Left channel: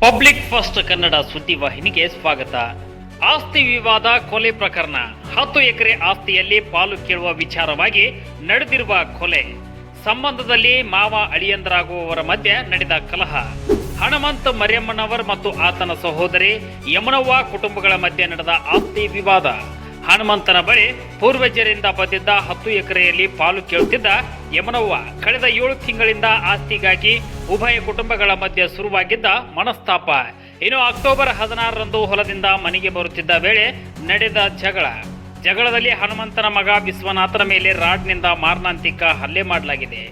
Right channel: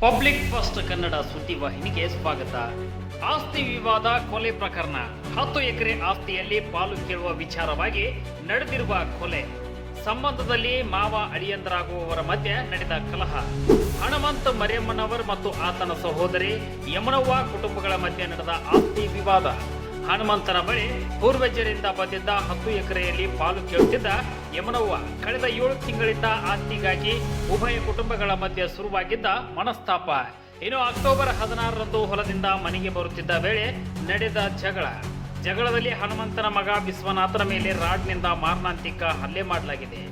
Public first Kannada ಸುದ್ದಿವಾಹಿನಿಗೆ ಸ್ವಾಗತ. ಆಸ್ತಿ ವಿವಾದ ಕೊಲೆ ಪ್ರಕರಣ. ಹತ್ತು ಎಕರೆ ಆಸ್ತಿಯಲ್ಲಿ ಪಾಲು ಕೇಳುವ ವಿಚಾರವಾಗಿ ನಡೆದಿರುವ ಕೊಲೆ. ಸಂಬಂಧದಲ್ಲಿ ಮಾವ ಅಳಿಯಂದರಾಗುವವರ ಮಧ್ಯೆ ನಡೆದ ಕಲಹ. ಹಣಮಂತ ಮರಿಯಮ್ಮನವರ್ ಮತ್ತು ಆತನ ಸಹೋದರಿ ಯಮನವ್ವ ಕುಟುಂಬಗಳ ಮಧ್ಯೆ ನಡೆದ ಆಸ್ತಿ ವಿವಾದ. ಹನುಮಂತನ ಬಳಿ ಪೂರ್ವಜರಿಂದ ಬಂದಿದ್ದ ಹತ್ತು ಎಕರೆಯಲ್ಲಿ ಪಾಲು ಕೇಳುತ್ತಿದ್ದ ಯಮನವ್ವ ಕಳೆದ ಏಳು ತಿಂಗಳಿಂದ ಆಸ್ತಿಗಾಗಿ ಉಭಯ ಕುಟುಂಬಗಳ ಮಧ್ಯೆ ಶುರುವಾಗಿದ್ದ ಮನಸ್ತಾಪ. ಇನ್ನು ಅಕ್ಟೋಬರ್ ಹದಿನಾರರಂದು ಹೊಲದಿಂದ ಮನೆಗೆ ಬರುತ್ತಿದ್ದ ವೇಳೆ ನಡೆದ ಜಗಳ. ಜಗಳದಲ್ಲಿ ಹನುಮಂತನ ಮಗ ವಿಶ್ವನಾಥನ ಮೇಲೆ ರಾಡ್ನಿಂದ ಮಾರಣಾಂತಿಕ ಹಲ್ಲೆ ಮಾಡಲಾಗಿದೆ.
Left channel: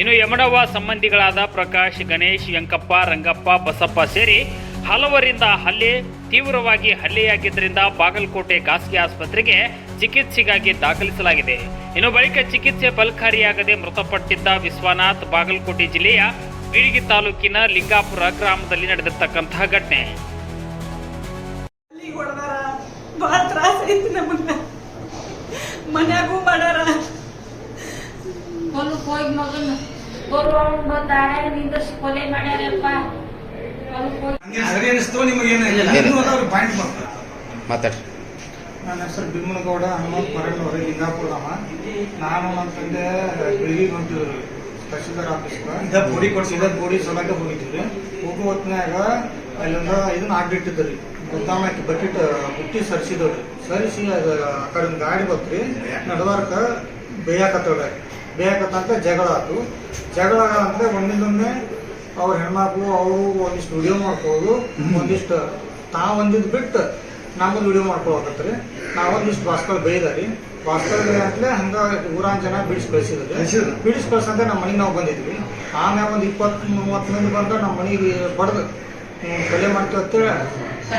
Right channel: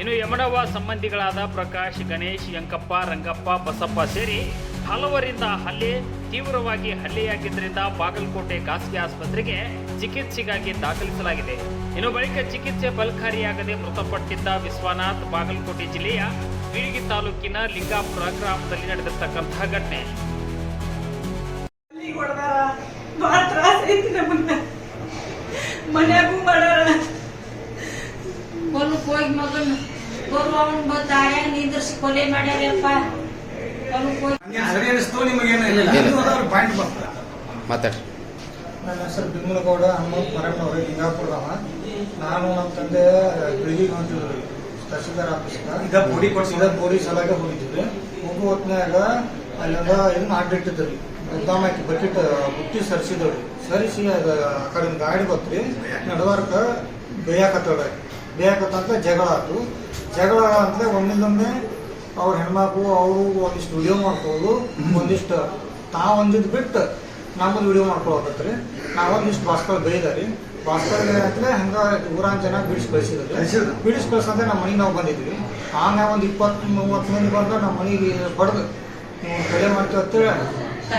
ಇನ್ನು ಯಮನವ್ವ ಸಂಬಂಧಿಗಳಾದ ಪ್ರಕಾಶ್, ಗಣೇಶ್, ಯಂಕಪ್ಪ, ರಂಗಪ್ಪ, ಬಸಪ್ಪ ಸೇರಿ ಹಲವರಿಂದ ಹಲ್ಲೆ ತೀವ್ರವಾಗಿ ಹಲ್ಲೆಯಾಗಿದ್ದರಿಂದ ಬಾಗಲಕೋಟೆ ಖಾಸಗಿ ಆಸ್ಪತ್ರೆಗೆ ಚಿಕಿತ್ಸೆಗಾಗಿ ದಾಖಲಿಸಲಾಗಿದೆ. ಇನ್ನು ಬಳಿಕ ಚಿಕಿತ್ಸೆ ಫಲಕಾರಿಯಾಗದೆ ಮೃತಪಟ್ಟಿದ್ದ ವಿಶ್ವನಾಥ್ ಬಾಗಲಕೋಟೆ ಜಿಲ್ಲೆಯ ಬೀಳಿಗಿ ತಾಲೂಕಿನ ಲಿಂಗಾಪುರ ಗ್ರಾಮದಲ್ಲಿ ನಡೆದಿರ್ತಕ್ಕಂತಹ ಘಟನೆ. ಹೋಗಿ ಮಗನ್ ಬರುವವನ್ ಬಂದ ಆಯಾಗ ನಿಂದ್ರಿಸಿ ಕೊಲೆ ಮಾಡ್ಯಾರಪ್ಪ. ಮಾತಾಡ್ರಿ. ನನ್ನ ಹೆಸರು ಭೀಮನಗೌಡ ಹನುಮಂತ್ ಪರಣ್ಣವ್ರು ಲಿಂಗಾಪುರದವ. ನಾನು ನಮ್ಮ ತಂದೆ ಬೆಳಿಗ್ಗೆ ಒಂದು ತಹಸೀಲ್ದಾರ್ ಆಫೀಸ್ಗೆ. ಇದ ಬೋಡಿ ಕೊಡ್ಸಿ ಇದ ಬೋಡಿ ಸಲಾಗ ಹೋಗಿದ್ವಿ. ಹೋಗೋ ಹೊತ್ನ್ಯಾಗ ಅಲ್ಲಿಂದ ಇದನ್ನ ಅಡ್ಡಿಟ್ಟಿದ್ರಿ ಗೊತ್ತಾಮ ಆಯ್ತು ಬಕೆಟ್ ಬುತ್ತಿ ಸರಿಸಿದವ್ರಿ. ಸರಿಸಿ ಅದು ಆ ಕಡೆ ಒಂದು ಗಾಡಿ ಬತ್ರಿ. ನಡವಾರ್ಕ ಬೇಯಾಕತ್ತಳ ಬೇಯಾಕತ್ತಂತ ಜಗಳ ಆತು. ಜಗಳ ಅಂದ್ರೆ ಒಂದಿಲ್ಲೊಮ್ಮೆ ಅವ್ರ ಹೆಣ್ಮಕ್ಳು ಅವರು ಒಂದಿಷ್ಟು ವಿಡಿಯೋ ಮಾಡ್ಕೊಳ್ಳೋದು ಒಂದಿಷ್ಟು ತಾವು ಒಂದಿದ್ದು ಬಿಟ್ಟು ನಮ್ಮದು ವಿಡಿಯೋ ಮಾಡ್ಕೊಳಕತ್ರಿ ನಾವೊಂದಿಷ್ಟು ಬಾಸ್ಕಲ್ ಬೈದಾರಿ. ಬಾಸ್ಕಲ್ ಅಂತಲೇ ಹಂಗ ಊರಾನ್ ಜನ ಬಿಡಿಸಿ ಕಳಿಸಿದ್ರಿ. ಬಿಡಿಸಿ ಕಳ್ಸಂದ್ರೆ ನಮ್ಮ ಮನೆಗೆ ನಾವು ಬಂದಿದ್ವಿ. ಆಮೇಲೆ ಒಂದು ಇಪ್ಪತ್ತು ಮೂವತ್ತು ಮಂದಿ ಬಂದ್ರೆ ನಮ್ಮ ಮನೆಗೆ ಬಡ್ದು ನೀವು ಕೊಲೆ ಮಾಡ್ತೀವಿ ಅಂತೇಳಿ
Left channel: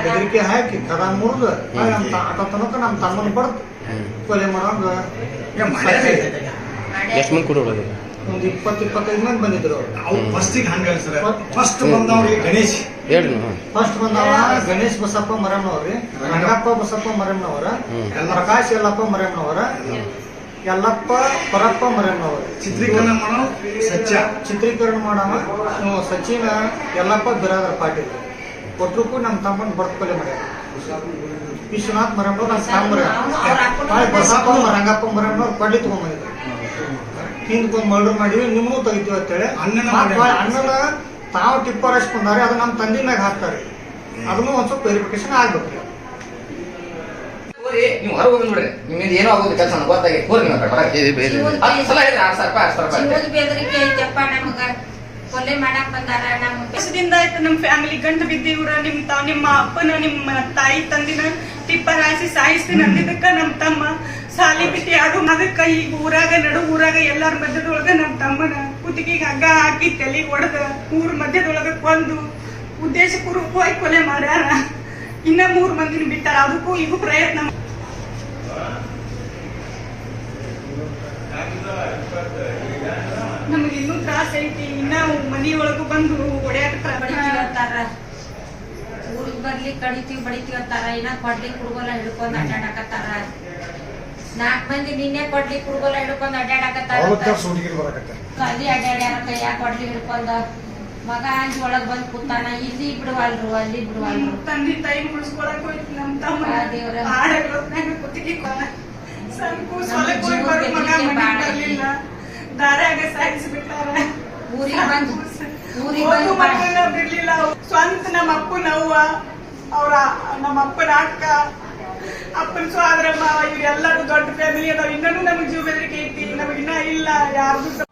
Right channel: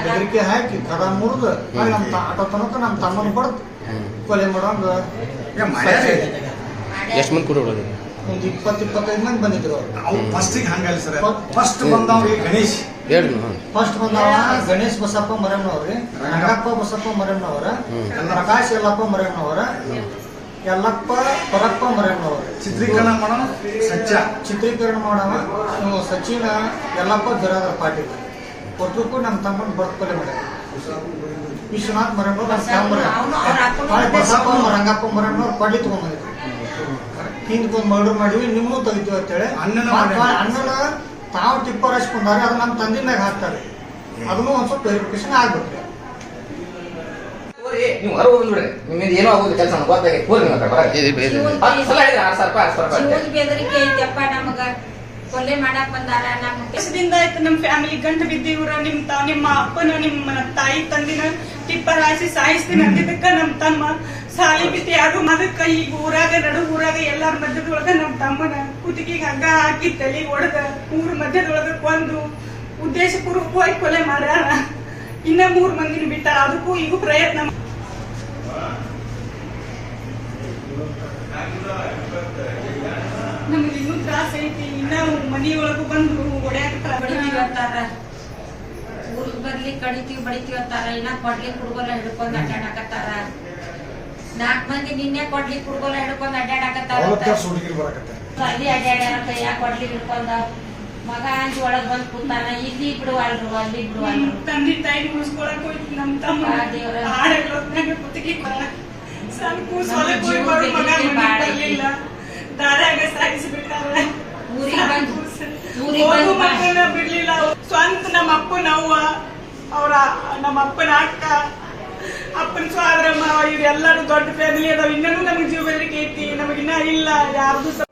ಬೆದರಿಕೆ ಹಾಕಿ ಕರ ಮುರಿದು ನಮ್ಮ ಆಟ ತನಕ ನಮ್ಮ ತಮ್ಮನ ಬಡ್ದು ಕೊಲೆ ಮಾಡೋಂಗ ಎಷ್ಟು ಮಂದಿ ಕೂಡ ಒಂದು ಇಪ್ಪತ್ತು ಇಪ್ಪತ್ತೈದು ಮಂದಿ ಬಂದಿದ್ರು ಅವ್ರು. ಅವು ಫಸ್ಟಿಗೆ ಹಂಗಲ್ಲ ಸರ್. ಫಸ್ಟ್ ಬಂದವ್ರಿ ಗಣೇಶ್. ಹೇಳಿ ಫಸ್ಟ್ ಬಂದವ ಗಣೇಶ್ ಬಸಪ್ಪ ಮರಮ್ಮನವ್ರಿ ರಂಗಪ್ಪ ಬಸಪ್ಪ ಮರಮ್ಮನವರ. ಪ್ರಕಾಶ್ ಯಲ್ಲಪ್ಪ ಮರಮ್ಮನವರ ಯಲ್ಲಪ್ಪ ಪರಪ್ಪ ಮರಮ್ಮನವರು ಚಿತ್ರೀಕರಣ ಮಾಡೋ ಸತ್ಯ ಚಿತ್ರೀಕರಣ ಮಾಡವ ಸಚಿನ ಯಲ್ಲಪ್ಪ ಬಿರಾದರ ಪಾಟೀಲ್. ಒಟ್ಟಕ್ಕೂ ನಮ್ಮ ತಮ್ಮನ ಬಡ್ಕೊಲೆ ಮಾಡ್ಯಾರ. ವಿಶ್ವನಾಥ್ ಮರಮ್ಮನವ್ರು ನಮ್ಮ ತಮ್ಮರ ನಾಳೆ ಬಸಪ್ಪ ರಂಗಪ್ಪ ಮರಮ್ಮನವ್ರು ಕೊಡ್ಲಿ ತಗೊಂಡ್ಬಂದಿದ್ರು ಹಿಂದ್ಕೊಂಡ್ ಮರ್ಡರ್ ಮಾಡಿವಿ ನಿಮ್ಮನ್ನು ತೆಗಿತೀವಿ ಅಂತೇಳಿ. ಅಣ್ಣನ ತಾವು ಟಿಪ್ಪರ್ ಹಚ್ಕೊಂಡಾರೆ ಅದು ನಮ್ಮ ತಂದೆ ಮ್ಯಾಗ ಹಾಕ್ತಾರೆ. ಅದನ್ನು ಒಂದ್ ಸ್ವಲ್ಪ ವೆರಿಫಿಕೇಶನ್ ಆಗ್ಬೇಕು. ನೀವು ಹೊರಗೆ ಬಂದ್ಬಿಡ್ರಿ ನಿಮ್ಮಿಂದ ಏನೋ ಆಗೋದು ಕೆಲಸ ಗೊತ್ತಾಗಿ ಹೋರಿ ನೀವು ಹೊರಗೆ ಸಲ ಹೇಳಿದ್ರೆ ಆರು ಸಾವಿರ ರೂಪಾಯಿ ಆರು ಸಾವಿರ ರೂಪಾಯಿ ಕೊಲೆ ಮಾಡಕ್ ಬಂದಾರ ನಮ್ಮ ವರ್ಷದಿಂದ ಆಯ್ತು ನಮ್ಮ ಫ್ಯಾಮಿಲಿ ಗಂಟು ಊರ ನಿಮ್ ತಾವ್ ನಿಮ್ಮ ಅಪ್ಪನ ನಿಮ್ಮ ತಾಯಿ ತಂದಿನ ಟಿಪ್ಪರ್ ಹಾಯಿಸಿ ಸಾಯಿಸ್ತೀನಿ ಅಂದಿದ್ದಕ್ಕ ನಮ್ಮ ತಮ್ಮ. ಸಾಲಿ ಬಿಟ್ಟು ಯಾರು ಅದಕ್ಕ ಈಗ ಊರಾಗ ನಡು ಊರಾಗ ಎಲ್ಲಾರ ಮಧ್ಯದೊಳಗ ನಮ್ಮ ತಮ್ಮನ ಕುತ್ತಿಗೆಗೆ ಹಗ್ಗ ಹಾಕಿ ತಲೆ ಹೊಡೆದ ಊರ್ ಮಧ್ಯದೊಳಗ ಕೊಂದು ಉದ್ದೇಶಪೂರ್ವಕವಾಗಿ ಕೊಲೆ ಮಾಡ್ಯಾರ. ಇನ್ನ ಮೂರ್ ಮಂದಿನ ಬಿಟ್ಟಾರ. ಅದಕ್ಕೂ ಈಗೂ ಪ್ರಯತ್ನ ಮಾ- ನಮ್ಗೆ ಇನ್ನೂ ತ್ರಾಸ ಐತಿ ಒಳಗೂ ಮನಿಯೊಳಗೂ ಬಂದು ಹೊಡ್ಯಾಕತ್ತಾರ ಬಡಿತೀವಿ ಅಂತಾರ ಊರಿಗೆ ಬರ್ಲಿ ಕಡಿತೀವಿ ಬಡಿತೀವಿ ಅಂತಾರ. ಇನ್ನ ಕೊಡ್ಲಿ ಕುಡುಗೋಲ ಹಿಡ್ಕೊಂಡ್ ಅಡ್ಡಾಡಕತ್ತಾರ ನಾಕ್ ಮಂದಿ ನಿನ್ನೆ ಕೊಡ್ಲಿ ಕುಡುಗೋಲ ಹಿಡ್ಕೊಂಡ್ ಅಡ್ಡಾಡಕತ್ತಾರ ಅವತ್ತ ಸುಡುಗಿರ್ ಬರಕತ್ತೆ. ಅಲ್ಲಿ ಅಡ್ಡಾಡ್ಯಾರ ಕೈಯಾಗ ಕೊಡ್ಲಿ ಹಿಡ್ಕೊಂಡ ಮಗ ಅಂಜಿ ಒಳಗ್ ಬಂದ್ ಕೂತಾನ. ಇಲ್ಲಿ ಬಿಡುವಲ್ರು ಅಲ್ಲಿ ಬಿಡುವಲ್ರು. ತಂದೆ ತಾಯಿ ಉಳಿಸ್ಕೊಳಕ್ ಹೋಯ್ತು ನಮ್ ತಮ್ಮ. ಹಾಡಗಳೊತ್ನಾಗ ಕುತ್ತಿಗೆ ಕೊಳ ಸಣ್ಣ ಕೂಸು ಹೊಲಕ್ ಹೋಗಿ ಬರೋ ಮಗ ಬೆದರಿಕೆ ಮನೆಗ್ ಬಾಳ ಬರ್ಲಿಲ್ಲ. ದಾರ್ಯಾಗ ಸಾಗಿಸ್ಬಿಟ್ಟಾರ ಊರಿಗ್ ಬಂದು ಊರಿಗ್ ಹೋಗು ಬಂದು ಮಕ್ಕಳನ್ನ ಬಿಡ್ಲಿಲ್ಲ. ಅವ್ರು. ಸ್ವಂತ ನಮ್ಮ ಅಪ್ಪನ ಅವ್ವ ಅವ್ರ ನಮ್ಮ ಅಪ್ಪನ ಅಕ್ಕ ಅಪ್ಪನ ಸ್ವಾದ್ರಮ್ಮ ಇವ್ರೆಲ್ಲರೂ ದೊಡ್ಡ ಫ್ಯಾಮಿಲಿ ಅದಾವ. ಇನ್ನೂ ನಮಗ್ ಜೀವ ಬೆದರಿಕೆ ಐತಿ. ನಮಗಿನ್ನ ಇಲ್ಲ. ಯಾರ್ದು